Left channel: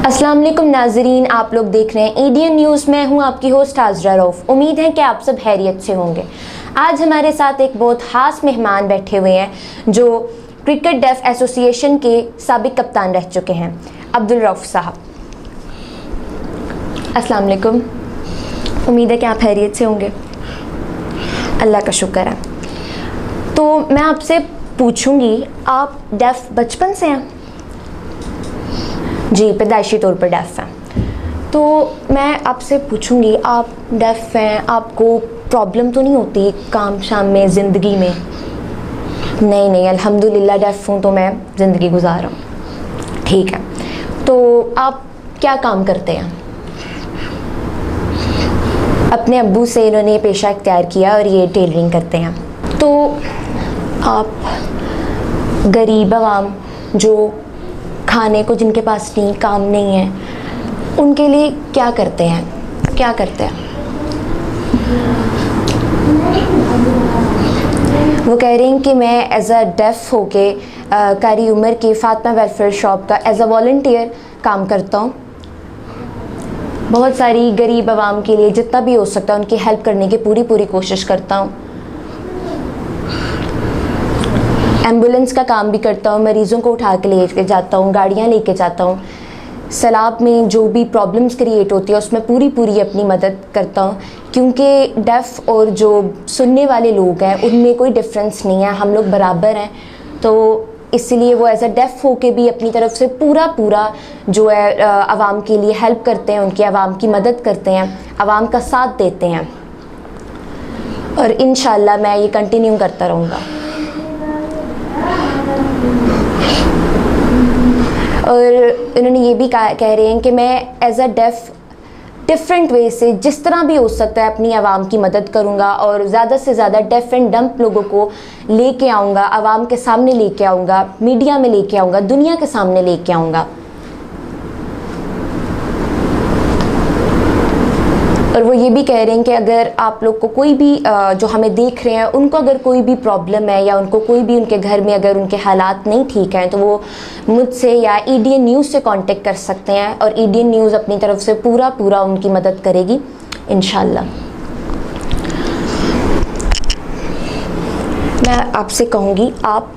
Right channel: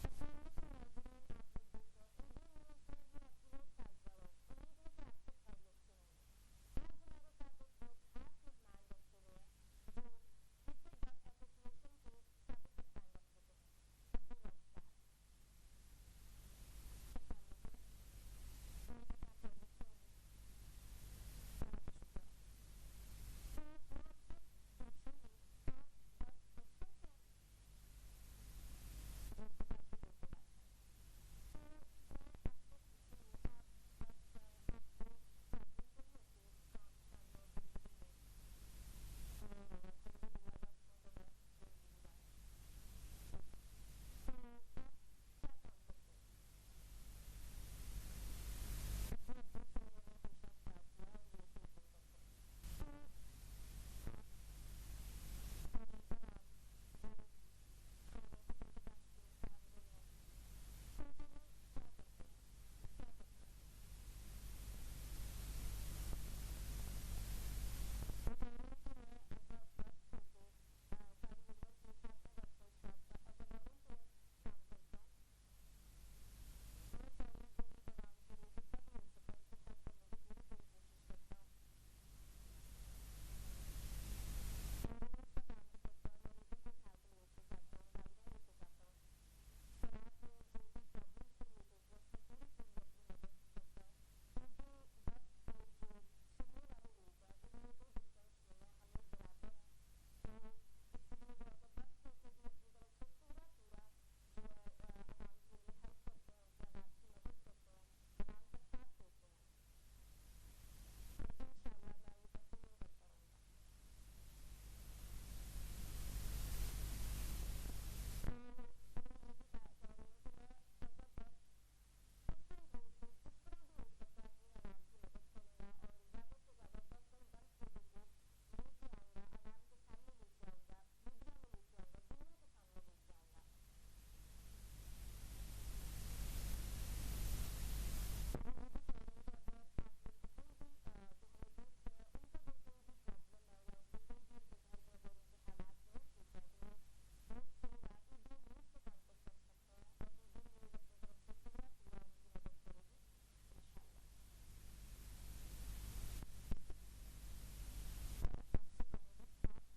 अस्सलाम वालेकुम नाजरीन, आप लोग देख रहे हैं एडीएन न्यूज़। मैं हूं आपकी होस्ट हाजरा रऊफ़। उम्मीद है कि आप सब खैरियत से होंगे। आज हमारे साथ एक बहुत ख़ास मेहमान बैठे हुए हैं जो क्रिकेट डेफ एसोसिएशन के साबिक कप्तान रह चुके हैं, अब्दुल रऊफ़ साहब। अस्सलाम वालेकुम, उम्मीद है कि आप खैरियत से होंगे। अल्लाह का शुक्र है। तो मैं आपसे पूछूंगी, आप डेफ बचपन से हैं? जी, पैदाइशी तौर पर डेफ हैं। तो मैं आपसे पूछूंगी, आप डेफ हैं, आपको प्रॉब्लम तो नहीं होती काम शाम में, ज़िंदगी में? नहीं, अल्हम्दुलिल्लाह डेफ हूँ तो मैं ज़िंदगी गुजार रहा हूँ। ठीक है, तो आप क्या काम करते हैं? अपने अब्बू से इन्होंने पेशा इख्तियार किया और ये टेलरिंग करते हैं। तो आप गरीब आवाम जो खाने को जिनके पास नहीं, काम नहीं है, उनके लिए क्या करते हैं? वो कह रही हैं कि मैं एज अ डेफ होके कारी उमर की फातिमा वेलफेयर शॉप का एज अ वॉलंटियर काम करता हूँ। बहुत सारी गरीब आवाम के लिए जितना भी हो सकता है उनकी हेल्प करने की पूरी कोशिश करता हूँ। एम्बुलेंस का काम भी करता हूँ, मरीज़ों को उठा के लेके जाता हूँ, गाड़ियाँ लेके जाता हूँ। सैलाब में जो भी प्रॉब्लम्स क्रिएट होती है उसमें पूरी अपनी मदद करता हूँ, क्योंकि डेफ और जो सुनने वाले लोग हैं उनमें कोई डिफरेंस नहीं है, हम लोग बराबर हैं। तो इसलिए वो एज अ डेफ होके भी अपनी तरफ से पूरा जो है आवाम के लिए हेल्प करते हैं, उनकी आवाम की मदद करते हैं, आवाम का साथ देते हैं। और इंशाल्लाह मैं ये कंटिन्यू करता रहूँगा। और इन्होंने ये भी कह रहे हैं कि मैं as a def different way से जिस तरह भी हो सकता है अपनी आवाम की मदद करूँगा और ज़्यादा से ज़्यादा डेफ एंड डम्प लोगों को लेके आऊँगा, आवाम के सामने लेके आऊँगा, मीडिया में लेके आऊँगा, दुनिया के सामने लेके आऊँगा। और वो ये भी कह रहे हैं कि अगर आप लोग को कोई भी जो हमें देख रहे हैं उनको अगर कोई भी प्रॉब्लम है या उनको कोई भी उनके घर में अगर उनके हालात नहीं ठीक हैं तो वो मुझसे या एडीएन न्यूज़ से कांटेक्ट कर सकते हैं और एडीएन न्यूज़ अपनी तरफ से पूरा उनकी मदद करेगी इंशाल्लाह। मैं आपसे कहूँगी, आप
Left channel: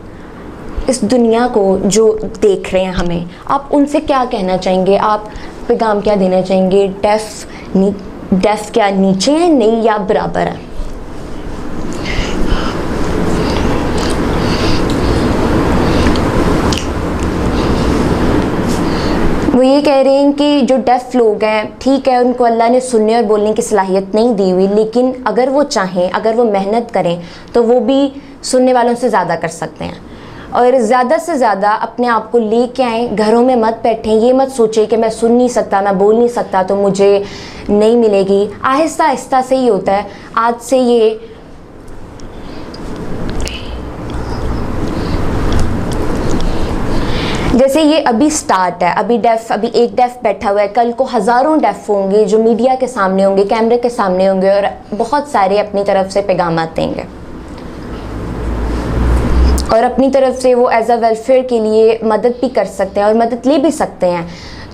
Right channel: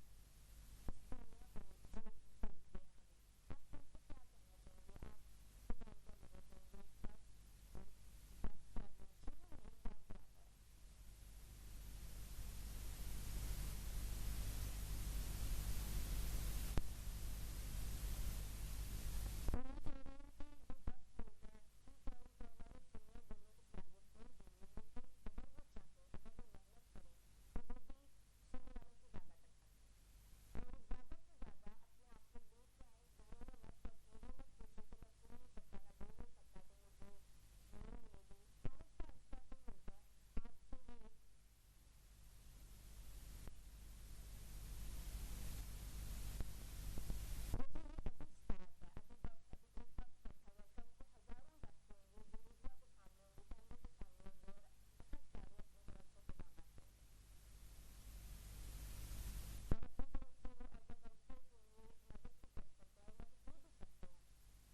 इस दुनिया को जो देख रहे हैं हमें, आप उनसे क्या कहना चाहेंगे? आप पैगाम क्या देना चाहेंगे? डेफ क्या नीचे है, नहीं, या बराबर है? वो ये कह रहे हैं कि जो डेफ लोग हैं, ठीक है, उनको अल्लाह ने सुनने और बोलने की सलाहियत नहीं दी हुई, लेकिन अगर वो चाहें, अगर वो मेहनत करें तो वो भी सुनने वालों से ज़्यादा कर सकते हैं। और ज़्यादा से ज़्यादा अपने आप को लेके आएँ, घरों में मत बैठें, ये मत सोचें कि मैं सुन नहीं सकता, मैं बोल नहीं सकता तो मुझे नहीं मिलेगी। आहिस्ता से ही होता है। आज से ये जैसे ये अभी स्टार्ट है, अभी एक डेफ बैठा हुआ है, कल को हज़ारों डेफ होंगे जो मीडिया के सामने होंगे, कैमरे के सामने होंगे और बहुत सारे अपनी तरफ से पैगाम देंगे और अपनी तरफ से वो एज अ वेलफेयर के लिए मदद भी कर सकते हैं और मदद ले भी सकते हैं।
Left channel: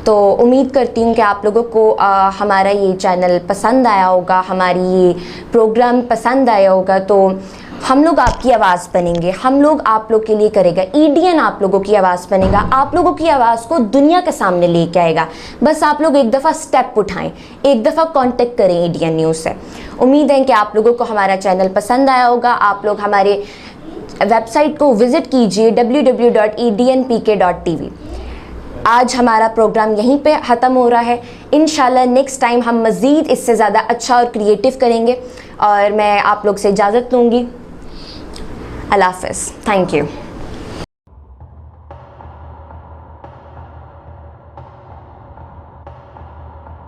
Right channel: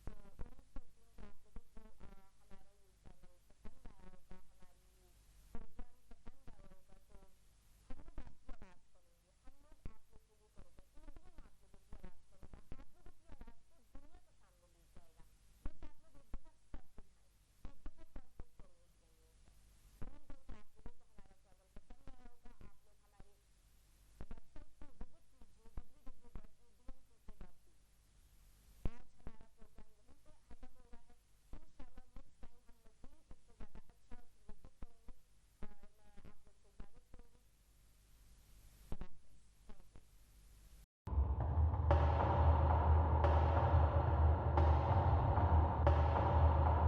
तो उम्मीद करती हूँ कि आप लोगों को हमारा ये चैनल पसंद आया होगा, हमारी ये प्रोग्राम पसंद आया होगा। तो हम लोग आपकी आवाज़ बनेंगे, हम लोग आप लोग के लिए करेगा, एडीएन आप लोगों की आवाज़ बनेगा, आप लोगों की आवाज़ को दुनिया के सामने लेके आएगा। बस आप लोग एक दफ़ा स्टेप उठाएं, एक दफ़ा कांटेक्ट करें एडीएन न्यूज़ से। उम्मीद है कि आप लोगों को हमारा चैनल पसंद आया होगा। आप लोग हमारे वेबसाइट को विज़िट कीजिए www.ednpk.tv। आज हमारा प्रोग्राम यहीं पे ख़त्म हो रहा है। इंशाल्लाह नेक्स्ट टाइम हम मज़ीद इससे ज़्यादा अच्छा और क्रिएटिव करेंगे और मैं आप लोग से इजाज़त लूँगी। अल्लाह हाफ़िज़, थैंक यू।